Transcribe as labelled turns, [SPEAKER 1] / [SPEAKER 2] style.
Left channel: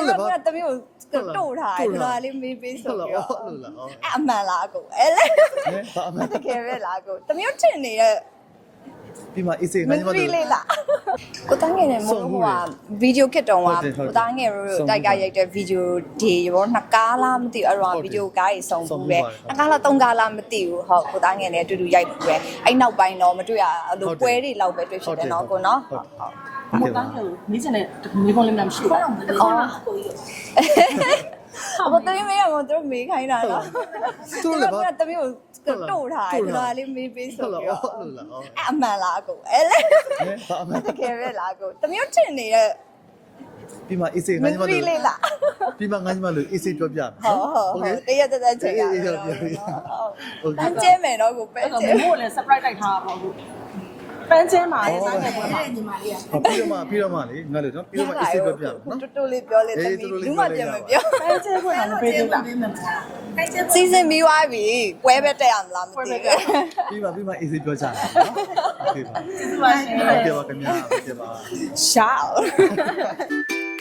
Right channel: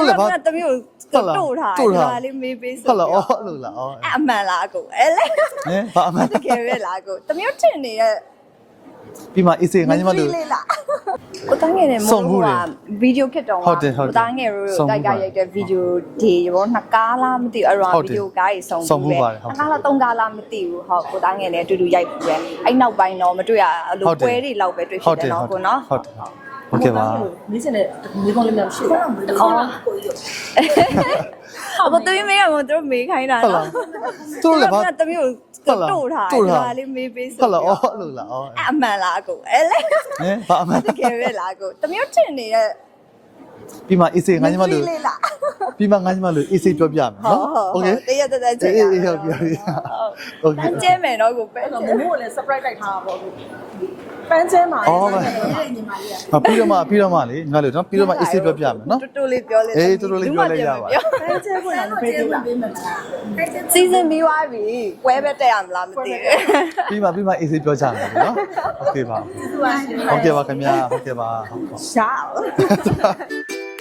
[SPEAKER 1] လည်းဘာ
[SPEAKER 2] တမျိုးတို့ထားလေးမေးပေးဆို
[SPEAKER 1] ဟုတ်လားအော်လို့လားအော်
[SPEAKER 2] အမှန်လားအကိုအဲ့လေ
[SPEAKER 1] ဟင်ဘာအမှန်
[SPEAKER 2] တကယ်ပဲလားအကိုတမျိုးထင်နေတဲ့
[SPEAKER 1] ပြီးမှအေးစေးငါညီမတို့
[SPEAKER 2] လေးလားကိုသားငယ်နဲ့မို့ဟိုကဗီဒီယိုခစ်တော့ကကိုသားငယ်တို့တိုက်ကရိုက်တဲ့ဗီဒီယိုဒီရောနှစ်ကားလားမသိဘူးအဲ့တော့ဗီဒီယိုကားကြီးစုံဘူးပဲနှစ်ကားလားသုံးကားလားမသိဘူးဟုတ်ကိုသားငယ်လည်းအတူတူရိုက်ဘူးပဲအဲ့နောက်ပိုင်းတော့မတွေ့ရအဲ့လိုပွဲတွေလောက်ပဲတွေ့ဖြစ်တယ်နော်ကိုနော်ဟုတ်
[SPEAKER 1] โอเคပါ
[SPEAKER 3] နေစတဲ့ဒီကုန်းလေးများမရှိဘူး
[SPEAKER 2] အော်အခုတမီးမေးရမတို့မေးခိုင်းတာနော်
[SPEAKER 1] သူတို့လည်းဘာ
[SPEAKER 2] တမီးတို့ထားလေးမေးပေးဆို
[SPEAKER 1] ဟုတ်လားအော်လို့လားအော်
[SPEAKER 2] အမှန်လားအကိုအဲ့လေ
[SPEAKER 1] ဟင်ဘာအမှန်
[SPEAKER 2] တကယ်ပဲလားအကိုတမီးထင်နေတဲ့
[SPEAKER 1] ပြီးမှအေးစေးငါညီမတို့
[SPEAKER 2] လေးလား
[SPEAKER 1] ပြီးမှငါညီမတို့အေးစေးပြောပြမယ်
[SPEAKER 2] ဟုတ်
[SPEAKER 1] နော်
[SPEAKER 2] ဟုတ်တရက်တက်ချိန်ရ
[SPEAKER 1] အေးပြောပြပြီโอเค
[SPEAKER 2] ပန်းကျဲမယ်နော်ကိုပန်းကျဲ
[SPEAKER 3] မို့လည်း surprise တိုက်ထားတာပေါ့အခုပန်းကျဲမှာ
[SPEAKER 1] အော်ပြီးတော့မှလေငါတို့နော်ပြီးတော့မှအေးစေးပြောပြမယ်နော်
[SPEAKER 2] တူတူလေးပြောလေ
[SPEAKER 1] အေးတူတူလေးပြောလိုက်ရပါ
[SPEAKER 2] ပြော
[SPEAKER 3] ပန်းကျဲဖွင့်ရင်ဖိတ်ပေးမှာ
[SPEAKER 2] စီစဉ်ပြီးသွားပြီပွဲပဲတက်ရမလားမသိဘူး
[SPEAKER 1] ပြီးမှအေးစေးပြောကြမယ်နော်โอเคပါ
[SPEAKER 3] သူပါရှင်
[SPEAKER 1] โอเคပါခင်ဗျာโอเคပါ
[SPEAKER 2] ရှာ